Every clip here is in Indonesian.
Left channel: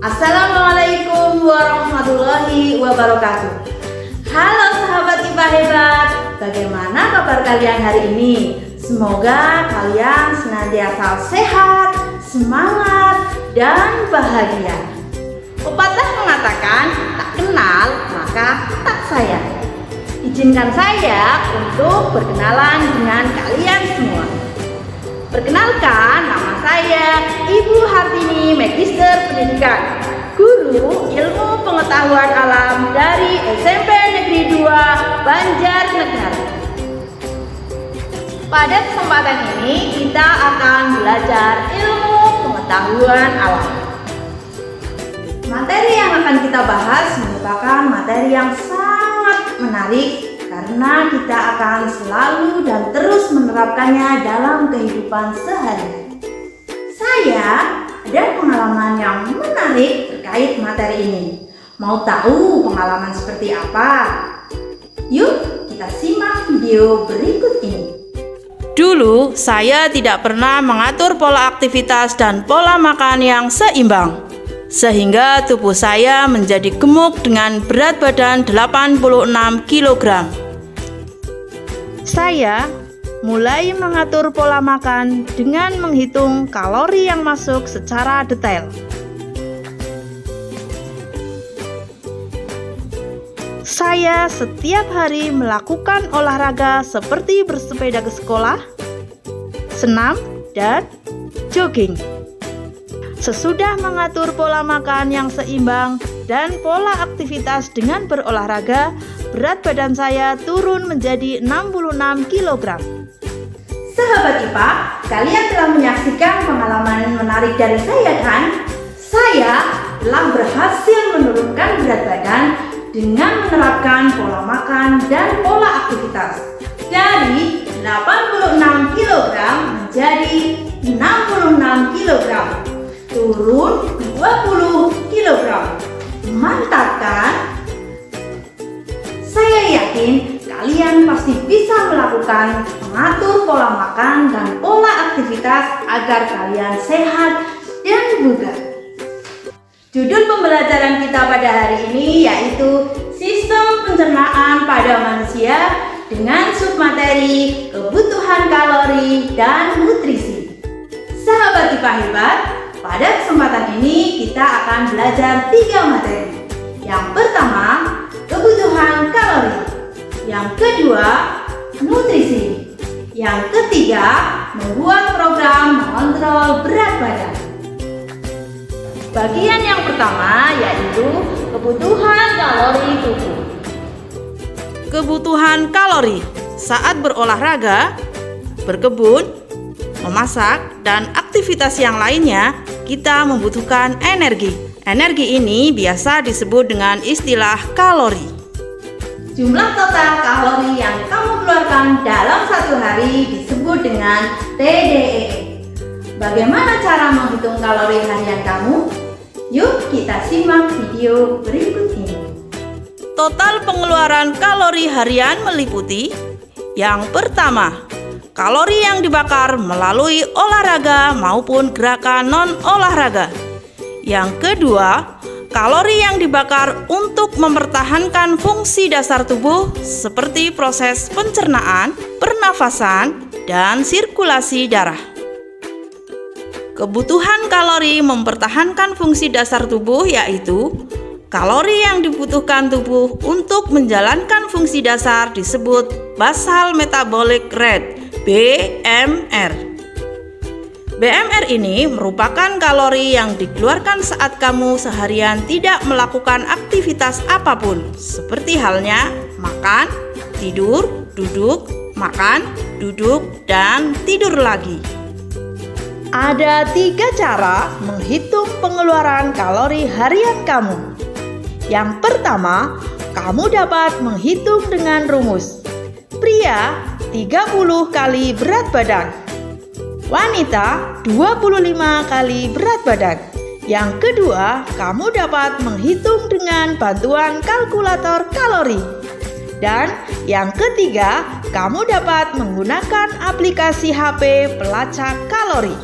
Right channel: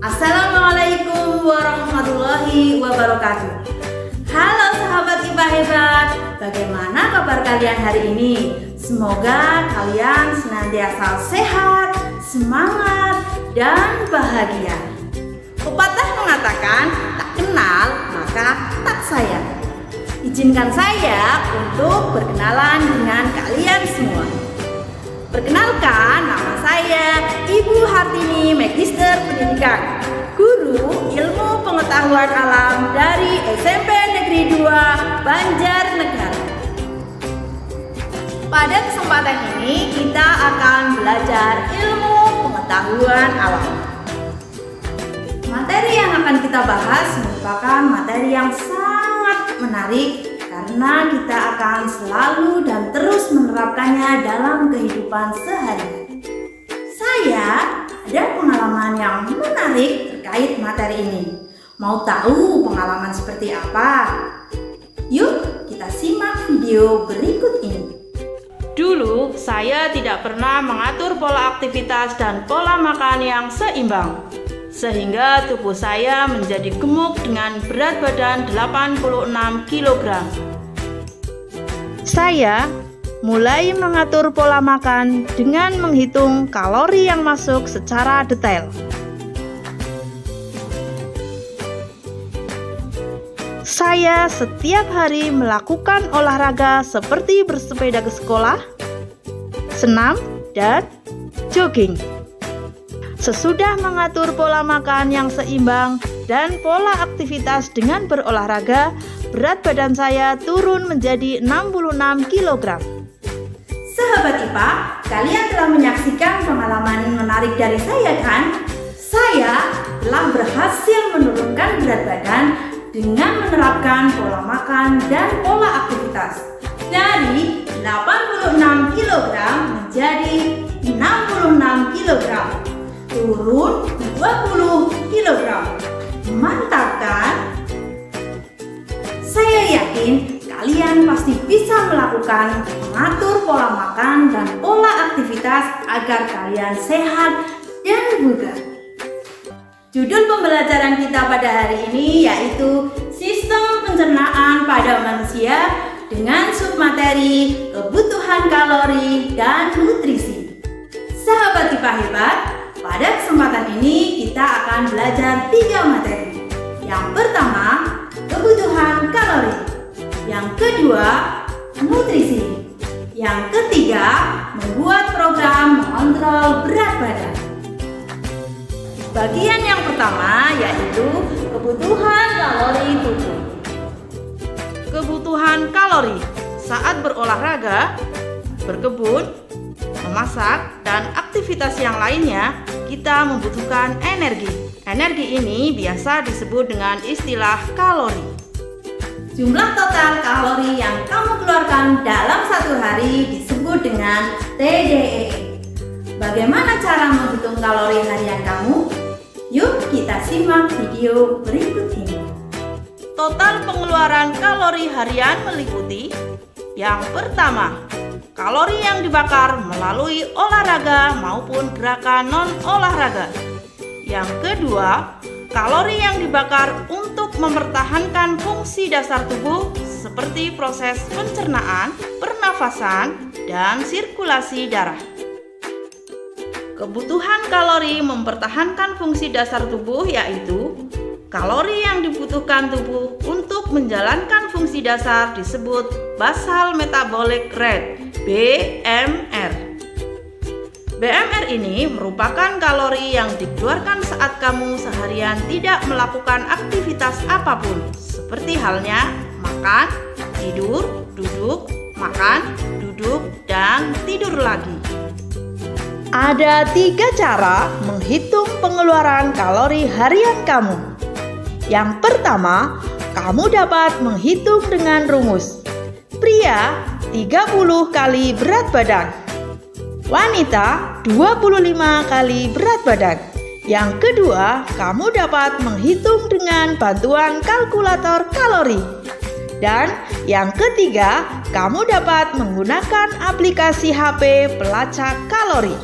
Assalamualaikum warahmatullahi wabarakatuh. Halo sahabat IPA hebat, bagaimana kabar kalian hari ini? Semoga kalian senantiasa sehat, semangat, dan bahagia. Pepatah mengatakan, tak kenal maka tak sayang. Izinkan saya untuk berkenalan dengan kalian semua. Perkenalkan, nama saya Ibu Hartini, Magister Pendidikan, Guru Ilmu Pengetahuan Alam dari SMP Negeri 2 Banjarnegara. Pada kesempatan ini kita akan belajar ilmu pengetahuan alam. Materi yang akan kita bahas merupakan materi yang sangat menarik karena kita akan selalu dan terus menerapkannya dalam kehidupan sehari-hari. Saya ada pengalaman yang menarik terkait materi ini. Mau tahu pengalaman seperti apa? Yuk kita simak video berikut ini. Dulu saya tidak pernah mengatur pola aktivitas dan pola makan yang seimbang, sehingga tubuh saya menjadi gemuk dengan berat badan 86 kg. Saya mulai mengatur pola makan dengan menghitung kalori yang masuk secara detail. Saya setiap hari melakukan olahraga seperti bersepeda ke sekolah, senam, dan jogging. Sesudah mengatur pola makan yang seimbang dan pola aktivitas dengan berolahraga, berat badan saya turun menjadi 66 kg. Sahabat IPA, kalian telah menyaksikan pengalaman menarik dari saya kan? Saya telah berhasil menurunkan berat badan dengan menerapkan pola makan dan pola aktivitas dari 86 kg menjadi 66 kg. Turun 20 kg. Mantap kan? Saya yakin kalian pasti bisa melakukan mengatur pola makan dan pola aktivitas agar kalian sehat dan bugar. Judul pembelajaran kita pada hari ini yaitu Sistem Pencernaan pada Manusia dengan submateri Kebutuhan Kalori dan Nutrisi. Sahabat IPA hebat, pada kesempatan ini kita akan belajar 3 materi. Yang pertama, kebutuhan kalori. Yang kedua, nutrisi. Yang ketiga, membuat program mengontrol berat badan. Bagian yang pertama yaitu kebutuhan kalori tubuh. Kebutuhan kalori saat berolahraga, berkebun, memasak, dan aktivitas yang lainnya, kita membutuhkan energi. Energi ini biasa disebut dengan istilah kalori. Jumlah total kalori yang kamu keluarkan dalam satu hari disebut dengan TDEE. Bagaimana cara menghitung kalori harian kamu? Yuk kita simak video berikut ini. Total pengeluaran kalori harian meliputi: yang pertama, kalori yang dibakar melalui olahraga maupun gerakan non-olahraga. Yang kedua, kalori yang dibakar untuk mempertahankan fungsi dasar tubuh seperti proses pencernaan, pernafasan, dan sirkulasi darah. Kebutuhan kalori mempertahankan fungsi dasar tubuh yaitu kalori yang dibutuhkan tubuh untuk menjalankan fungsi dasar disebut basal metabolic rate (BMR). BMR ini merupakan kalori yang dikeluarkan saat kamu seharian tidak melakukan aktivitas apapun, seperti halnya makan, tidur, duduk, makan, duduk, dan tidur lagi. Ada 3 cara menghitung pengeluaran kalori harian kamu. Yang pertama, kamu dapat menghitung dengan rumus. Pria 30 kali berat badan, wanita 25 kali berat badan. Yang kedua, kamu dapat menghitung dengan bantuan kalkulator kalori. Dan yang ketiga, kamu dapat menggunakan aplikasi HP pelacak kalori.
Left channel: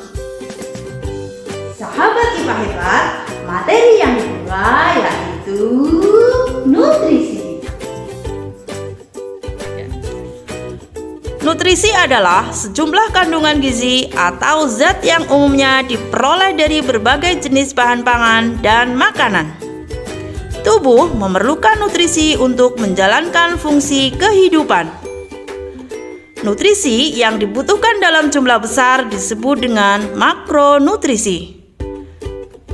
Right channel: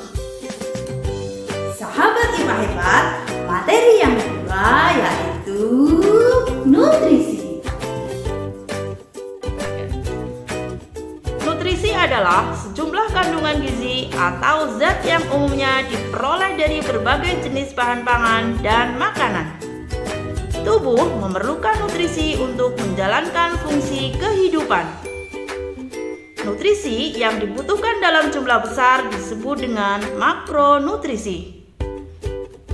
Sahabat IPA hebat, Materi yang kedua yaitu nutrisi. Nutrisi adalah sejumlah kandungan gizi atau zat yang umumnya diperoleh dari berbagai jenis bahan pangan dan makanan. Tubuh memerlukan nutrisi untuk menjalankan fungsi kehidupan. Nutrisi yang dibutuhkan dalam jumlah besar disebut dengan makronutrisi.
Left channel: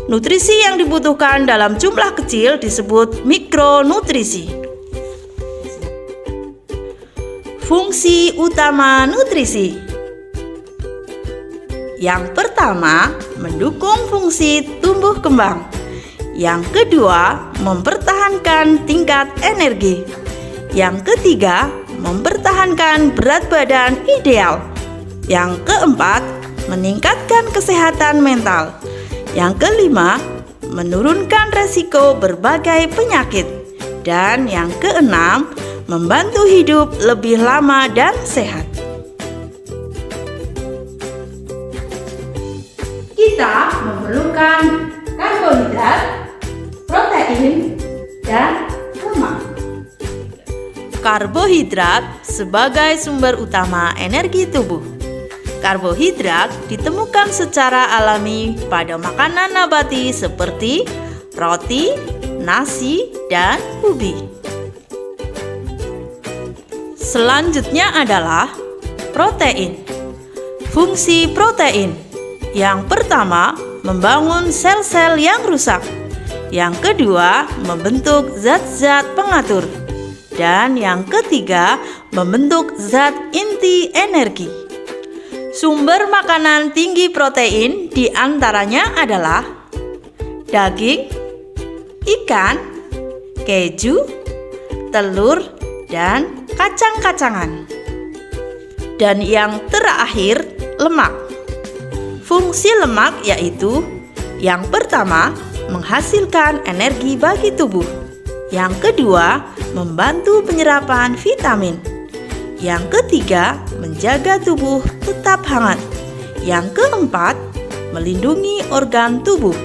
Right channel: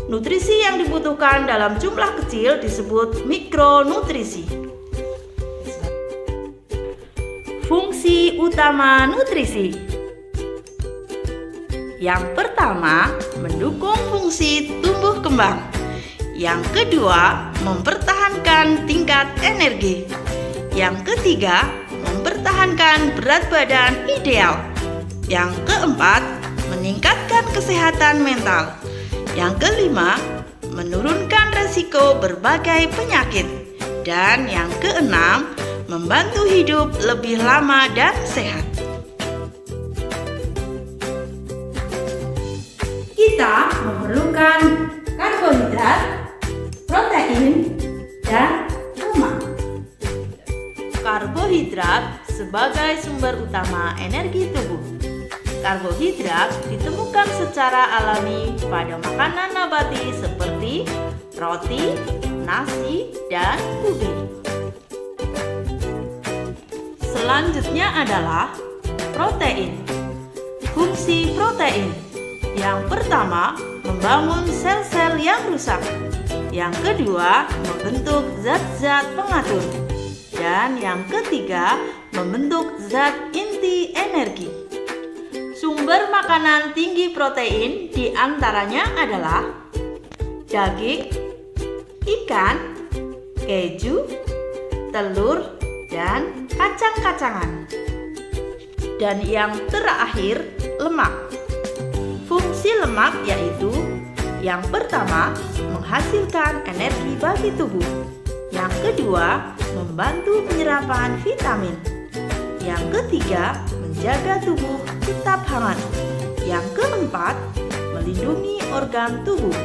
Nutrisi yang dibutuhkan dalam jumlah kecil disebut mikronutrisi. Fungsi utama nutrisi. Yang pertama, mendukung fungsi tumbuh kembang. Yang kedua, mempertahankan tingkat energi. Yang ketiga, mempertahankan berat badan ideal. Yang keempat, meningkatkan kesehatan mental. Yang kelima, menurunkan resiko berbagai penyakit. Dan yang keenam, membantu hidup lebih lama dan sehat. Kita memerlukan karbohidrat, protein, dan lemak. Karbohidrat sebagai sumber utama energi tubuh. Karbohidrat ditemukan secara alami pada makanan nabati seperti roti, nasi, dan ubi. Selanjutnya adalah protein. Fungsi protein. Yang pertama, membangun sel-sel yang rusak. Yang kedua, membentuk zat-zat pengatur. Dan yang ketiga, membentuk zat inti energi. Sumber makanan tinggi protein diantaranya adalah daging, ikan, keju, telur, dan kacang-kacangan. Dan yang terakhir, lemak. Fungsi lemak yaitu yang pertama, menghasilkan energi bagi tubuh. Yang kedua, membantu penyerapan vitamin. Yang ketiga, menjaga tubuh tetap hangat. Yang keempat, melindungi organ tubuh.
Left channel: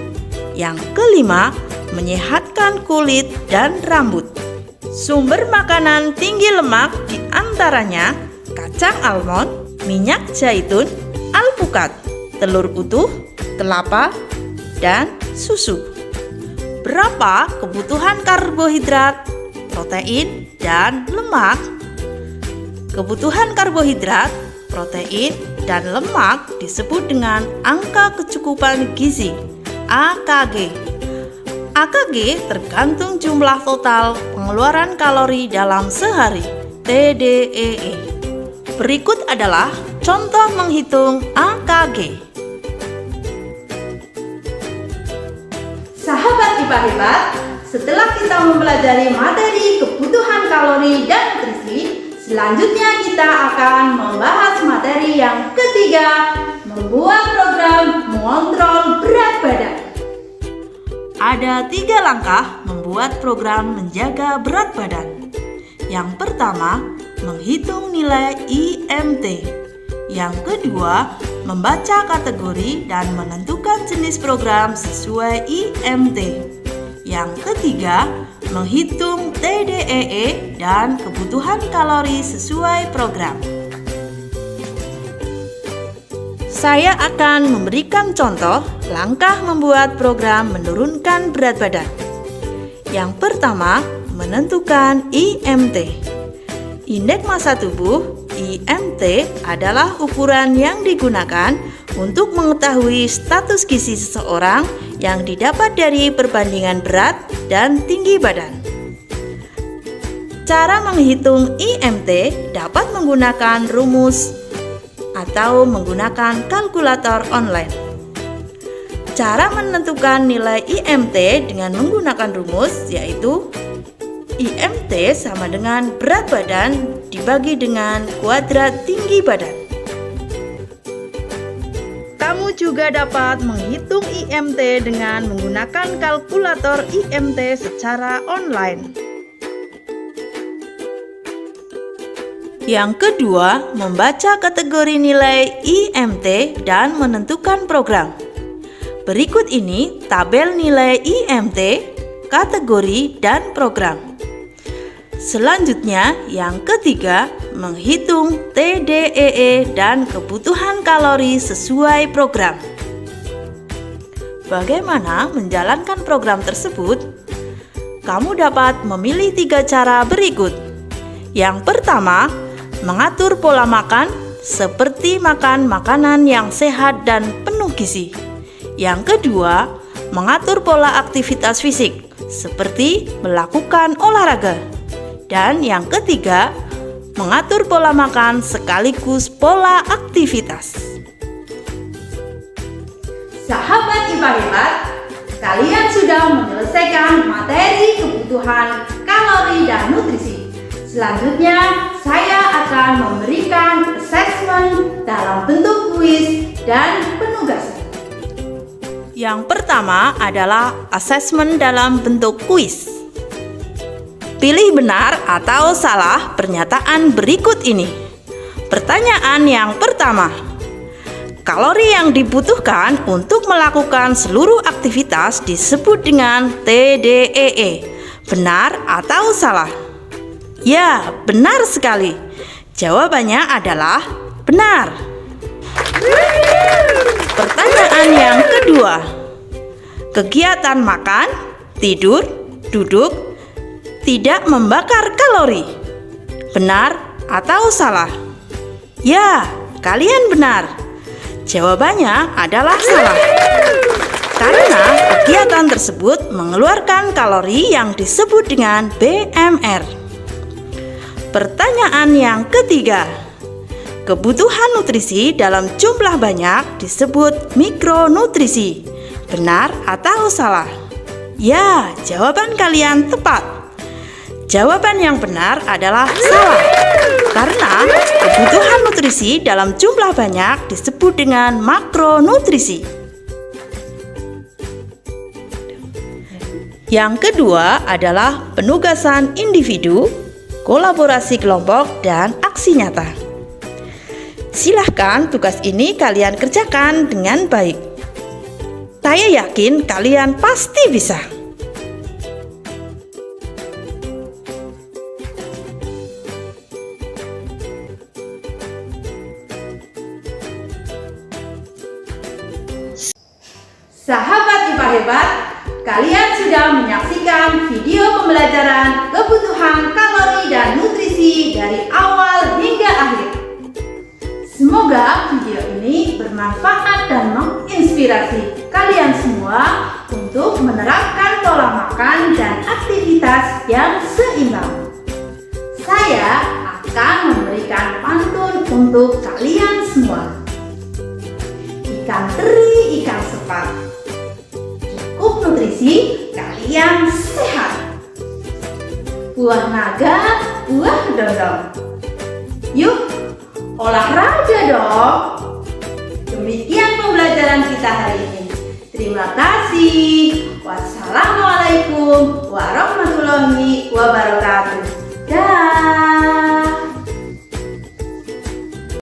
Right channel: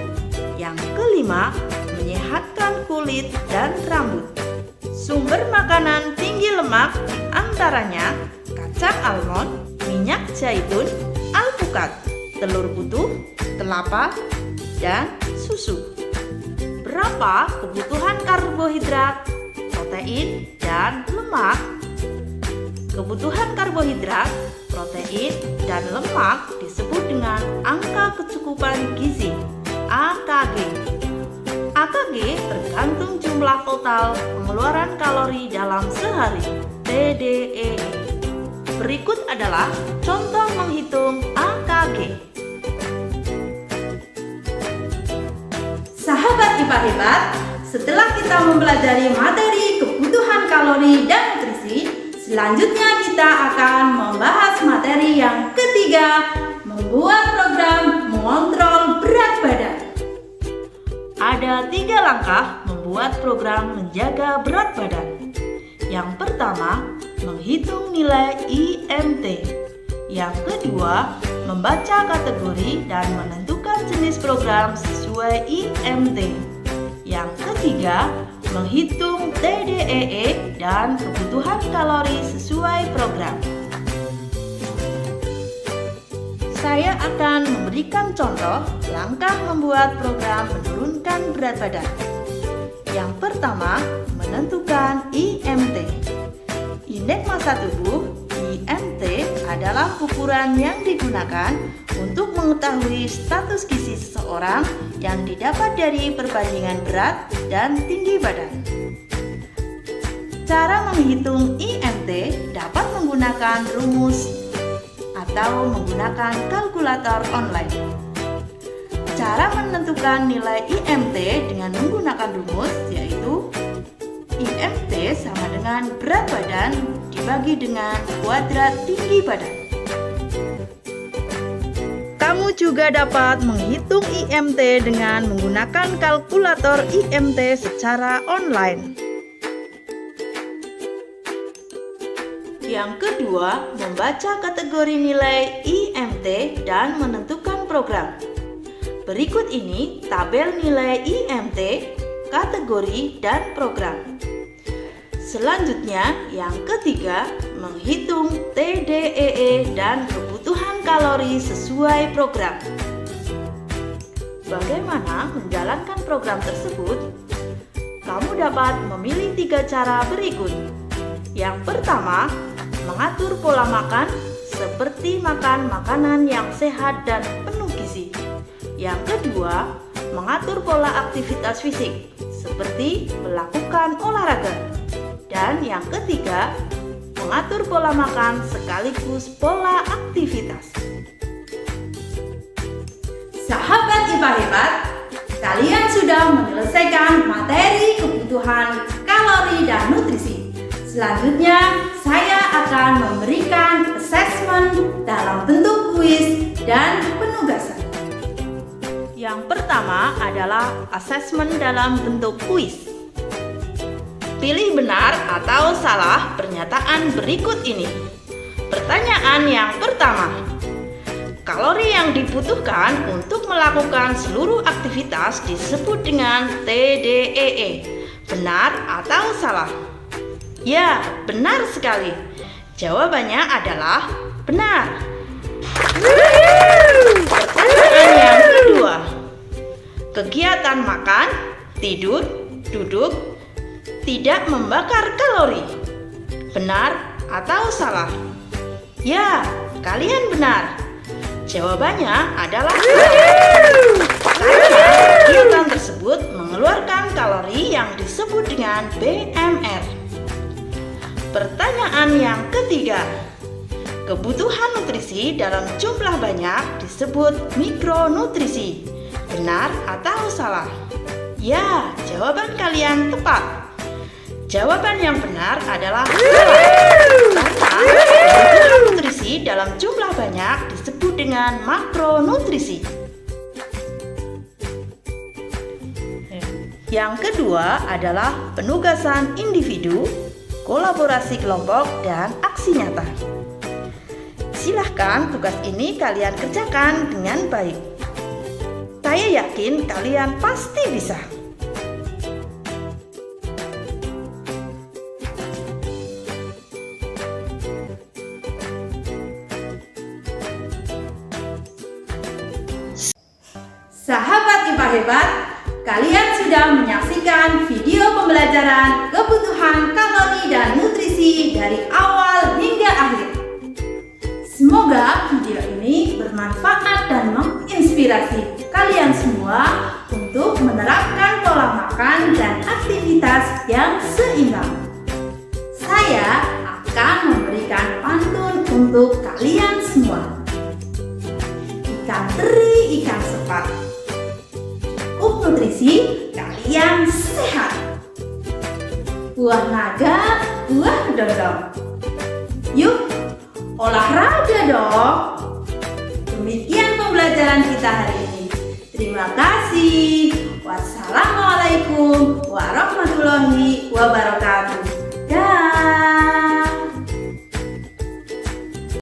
Yang kelima, menyehatkan kulit dan rambut. Sumber makanan tinggi lemak diantaranya kacang almond, minyak zaitun, alpukat, telur utuh, kelapa, dan susu. Berapa kebutuhan karbohidrat, protein, dan lemak? Kebutuhan karbohidrat, protein, dan lemak disebut dengan angka kecukupan gizi (AKG). AKG tergantung jumlah total pengeluaran kalori dalam sehari (TDEE). Berikut adalah contoh menghitung AKG. Sahabat IPA hebat, setelah kita mempelajari materi kebutuhan kalori dan nutrisi, selanjutnya kita akan membahas materi yang ketiga, membuat program mengontrol berat badan. Ada 3 langkah membuat program menjaga berat badan. Yang pertama, menghitung nilai IMT. Yang kedua, membaca kategori dan menentukan jenis program sesuai IMT. Yang ketiga, menghitung TDEE dan kebutuhan kalori sesuai program. Saya akan memberikan contoh langkah membuat program menurunkan berat badan. Yang pertama, menentukan IMT. Indeks massa tubuh IMT adalah ukuran yang digunakan untuk mengetahui status gizi seseorang yang didapat dari perbandingan berat dan tinggi badan. Cara menghitung IMT dapat menggunakan rumus atau menggunakan kalkulator online. Cara menentukan nilai IMT dengan menggunakan rumus yaitu IMT sama dengan berat badan dibagi dengan kuadrat tinggi badan. Kamu juga dapat menghitung IMT dengan menggunakan kalkulator IMT secara online. Yang kedua, membaca kategori nilai IMT dan menentukan program. Berikut ini tabel nilai IMT, kategori, dan program. Selanjutnya, yang ketiga, menghitung TDEE dan kebutuhan kalori sesuai program. Bagaimana menjalankan program tersebut? Kamu dapat memilih 3 cara berikut. Yang pertama, mengatur pola makan seperti makan makanan yang sehat dan penuh gizi. Yang kedua, mengatur pola aktivitas fisik seperti melakukan olahraga. Dan yang ketiga, mengatur pola makan sekaligus pola aktivitas. Sahabat IPA hebat, kalian sudah menyelesaikan materi kebutuhan kalori dan nutrisi. Selanjutnya, saya akan memberikan assessment dalam bentuk kuis dan penugasan. Yang pertama adalah asesmen dalam bentuk kuis. Pilih benar atau salah pernyataan berikut ini. Pertanyaan yang pertama, kalori yang dibutuhkan untuk melakukan seluruh aktivitas disebut dengan TDEE. Benar atau salah? Ya, benar sekali. Jawabannya adalah benar. Pertanyaan yang kedua, kegiatan makan, tidur, duduk tidak membakar kalori. Benar atau salah? Ya, kalian benar. Jawabannya adalah salah. Karena kegiatan tersebut mengeluarkan kalori yang disebut dengan BMR. Pertanyaan yang ketiga, kebutuhan nutrisi dalam jumlah banyak disebut mikronutrisi. Benar atau salah? Ya, jawaban kalian tepat. Jawaban yang benar adalah salah. Karena kebutuhan nutrisi dalam jumlah banyak disebut dengan makronutrisi. Yang kedua adalah penugasan individu, kolaborasi kelompok, dan aksi nyata. Silahkan tugas ini kalian kerjakan dengan baik. Saya yakin kalian pasti bisa. Sahabat IPA hebat, kalian sudah menyaksikan video pembelajaran kebutuhan kalori dan nutrisi dari awal hingga akhir. Semoga video ini bermanfaat dan menginspirasi kalian semua untuk menerapkan pola makan dan aktivitas yang seimbang. Saya akan memberikan pantun untuk kalian semua. Ikan teri, ikan sepat. Cukup nutrisi, kalian sehat. Buah naga, buah dodong. Yuk, olahraga dong. Demikian pembelajaran kita hari ini. Terima kasih. Wassalamualaikum